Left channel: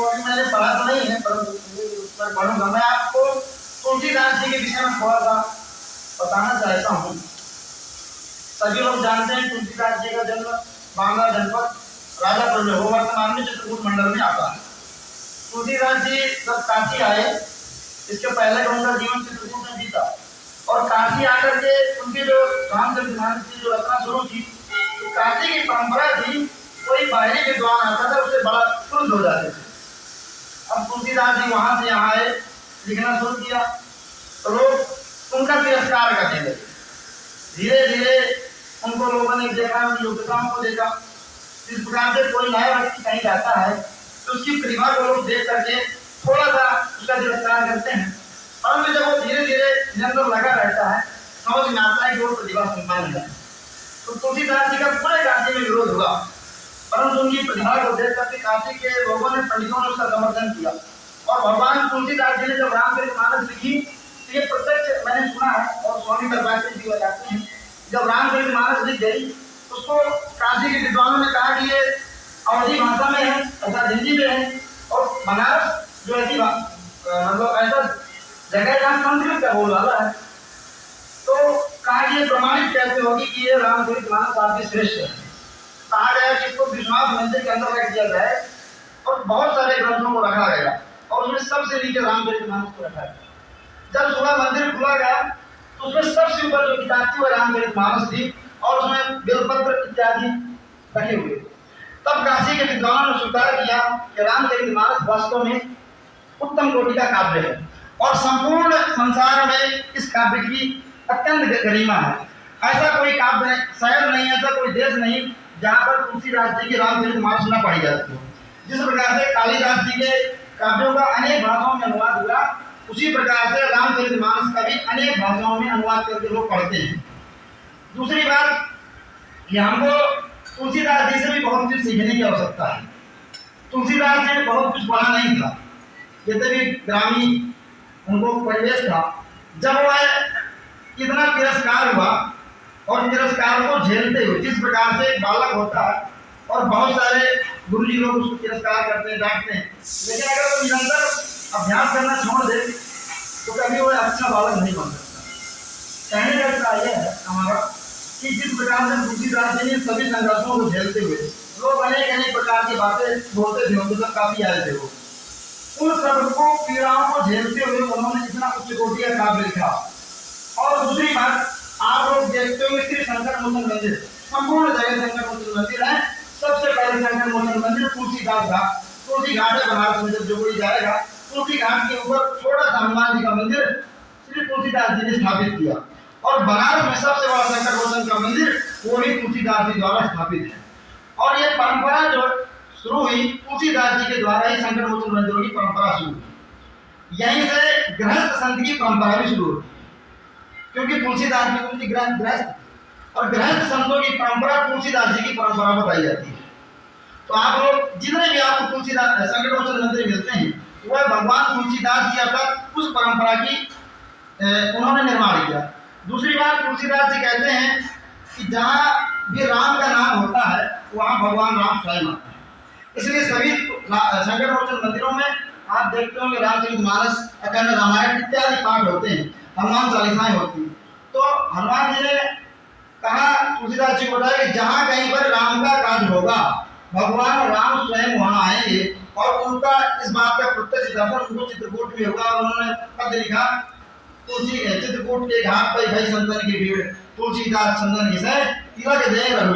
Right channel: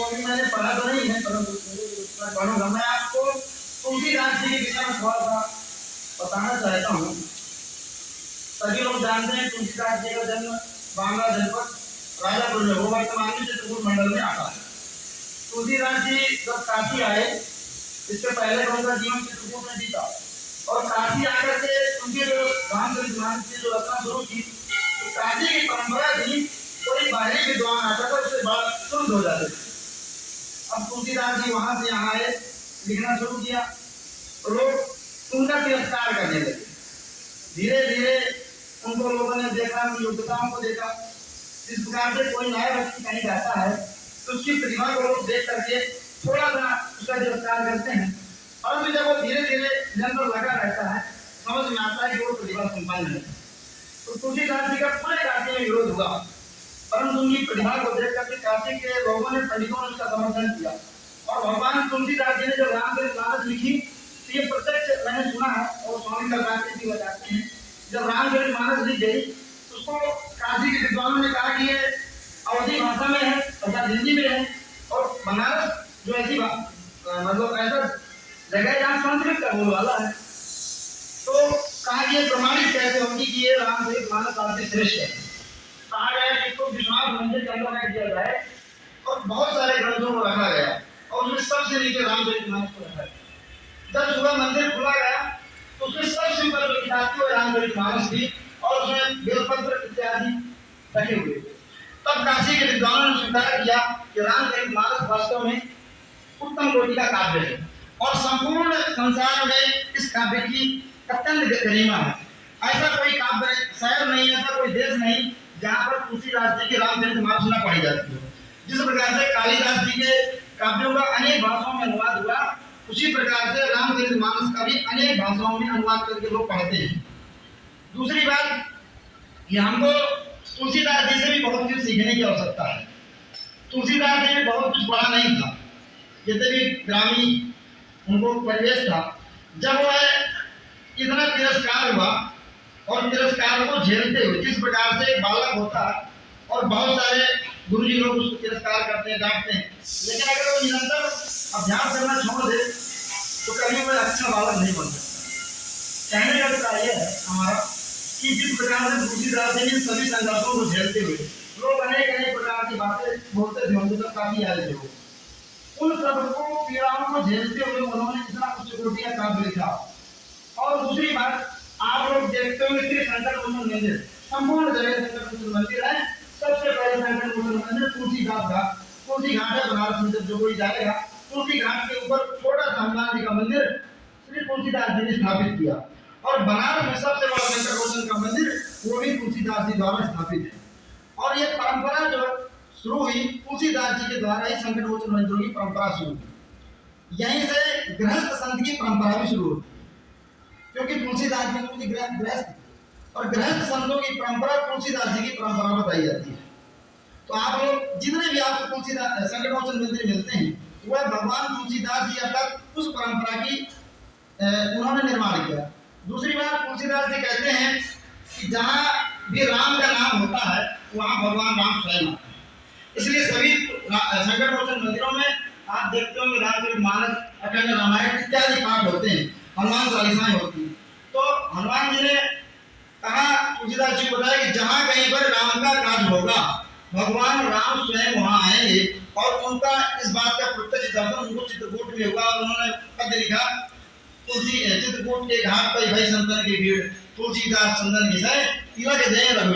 तो अभी मैंने पढ़ा तो नहीं है, परंतु मैं पढ़ूंगा। मैं आपको तुलसीदास जी के विषय में थोड़ा सा बताना चाहता हूँ। सभी लोग जानते हैं तुलसीदास जी का जन्म बांदा जनपद राजापुर में, वो वर्तमान में चित्रकूट मंडल में आता है। तुलसीदास जी जब काशी आए, इसके पहले उनका जीवन चित्रकूट में बीता, और काशी आकर के उनकी जो रामचरितमानस की जो रचना शुरू की, तो काशी की परंपरा थी, कोई बाहरी विद्वान आता था उसे बड़ा क्रुद्ध हो जाते थे। अब तुलसीदास जी वहां से यहाँ आए, लिखना शुरू किया, तो लोग उनका तिरस्कार करने लगे। धीरे धीरे उनको लोगों ने देखा, उनकी योग्यताओं को देखा। जिस प्रकार से कोई नया व्यक्ति कहीं जाता है तो उसकी प्रतिभा को लोग देख करके थोड़ा सा उसका तिरस्कार करते हैं, परंतु जब वो धीरे धीरे निरंतर लगा रहता है, समझ में आता है कि वो प्रतिभा संपन्न है। तो तुलसीदास जी का पूरे काशी में विरोध हुआ, परंतु उनकी प्रतिभा को देख करके काशी के लोगों ने, पंडितों ने उसका समर्थन किया। और भगवान तुलसीदास जी ने जब रामचरितमानस लिखी, तो ये प्रत्यक्ष मैंने सुना है, और स्वामी दरबार जी बताते हैं, जब रामचरितमानस लिख गई उसको काशी के विद्वानों ने कहा कि ये अवधी भाषा में है अर्थात हिंदी में है, और बनारस जो ऐसी मतलब ऐसा जगह जहाँ संस्कृत का बोल वाला है, तो कहा कि ये प्रमाणित कैसे होगी कि ये रामचरितमानस आपकी श्रेष्ठ है। कहा गया कि इसको विश्वनाथ मंदिर के अंदर रख दिया जाए, और बहुत सारे ग्रंथों को रखा गया, और उसमें सबसे नीचे रामचरितमानस को रखा गया। जब सुबह मंदिर खुला गया तो उसमें सबसे ऊपर जो किताब थी वो रामचरितमानस थी, और उसमें बेलपत्र इत्यादि रखे हुए। तब काशी के विद्वानों ने स्वीकार किया कि रामचरितमानस वास्तव में उत्तम कोटि का काव्य है, और संपूर्ण संसार में इस काव्य की अत्यंत गरिमा है। ऐसा कोई काव्य शहर नहीं, ऐसा कोई देश नहीं जहाँ पर तुलसीदास जी की रामचरितमानस न पढ़ी जाती हो। जिस प्रकार से कालिदास जी के काव्यों का अनेक भाषाओं में अनुवाद हुआ, उसी प्रकार से रामचरितमानस का भी अनेक भाषाओं में अनुवाद करके लोग पढ़ते हैं। दूसरी बात कि हमको तुलसीदास जी से भी बहुत कुछ सीखने की आवश्यकता है। तुलसीदास जी ने बहुत कुछ पढ़ा नहीं था, जितने भी ग्रामीण उनको परिवेश था, जब वह इतना तिरस्कार हुआ, और तिरस्कार को झेलते हुए, जिस प्रकार से एक बालक होता है और बहुत सारे गुरुजी लोग उसको तिरस्कार करते हैं, डांटते हैं, लेकिन अगर वो निरंतर अभ्यास करना छोड़ दे तो कभी वो अच्छा बालक नहीं बन सकता। कहने का यह है हमारा कि जिस प्रकार से तुलसीदास जी ने सभी संघर्षों को झेलते हुए, लोग अनेक अनेक प्रकार की बातें बोलते थे, उनके तक काफी आए थे, वो उन सबको पीड़ाओं को झेलते हुए उन्होंने इतना उच्च कोटि का काव्य लिखा। और दूसरी बात, आप लोग देखते हो श्री संकट मोचन मंदिर, संपूर्ण जगह संकट मोचन मंदिर है। सबसे पहले संकट मोचन मंदिर तुलसीदास घाट, तुलसी घाट है बनारस में, जब कोई जाएगा तुलसी घाट के ऊपर छोटा सा हनुमान जी का मंदिर श्री तुलसीदास जी ने स्थापित किया। और बनारस में सबसे बड़ा संकट मोचन का मंदिर वो भी तुलसीदास जी द्वारा स्थापित है। और ये परंपरा जो शुरू हुई तुलसीदास जी के द्वारा ही संकट मोचन मंदिरों की परंपरा शुरू हुई। यहीं से गृहस्थ संत की परंपरा भी शुरू हुई, क्योंकि तुलसीदास जी उनकी गृहस्थ, और गृहस्थ संतों की परंपरा तुलसीदास जी की परंपरा बताई जाती है। तो आप लोग जितने भी आपको तुलसीदास संकट मोचन मंदिर मिलते हैं, वह भगवान तुलसीदास जी अर्थात उस परंपरा की उन्होंने निर्माण किया। दूसरी बात, तुलसीदास जी कहते हैं कि जहाँ भी राम का नाम होता है वहाँ भगवान राम स्वयं आता है। इसलिए सभी संकट मोचन मंदिरों में आप देखते होंगे रामचरितमानस, अखंड रामायण इत्यादि पाठ होते हैं, हनुमान चालीसाएं होती हैं। तो हनुमान जी ने कहा, तुलसीदास जी को बताया कि जहाँ कहीं पर राम का काज होगा भगवान राम स्वयं वहाँ आएंगे, और उनका इस बात का प्रत्यक्ष दर्शन उनको चित्रकूट में होगा। और उन्होंने पद लिखा, तुलसी चित्रकूट के घाट पर भई संतन की भीड़, तुलसीदास चंदन घिसै तिलक जय रघुवीर।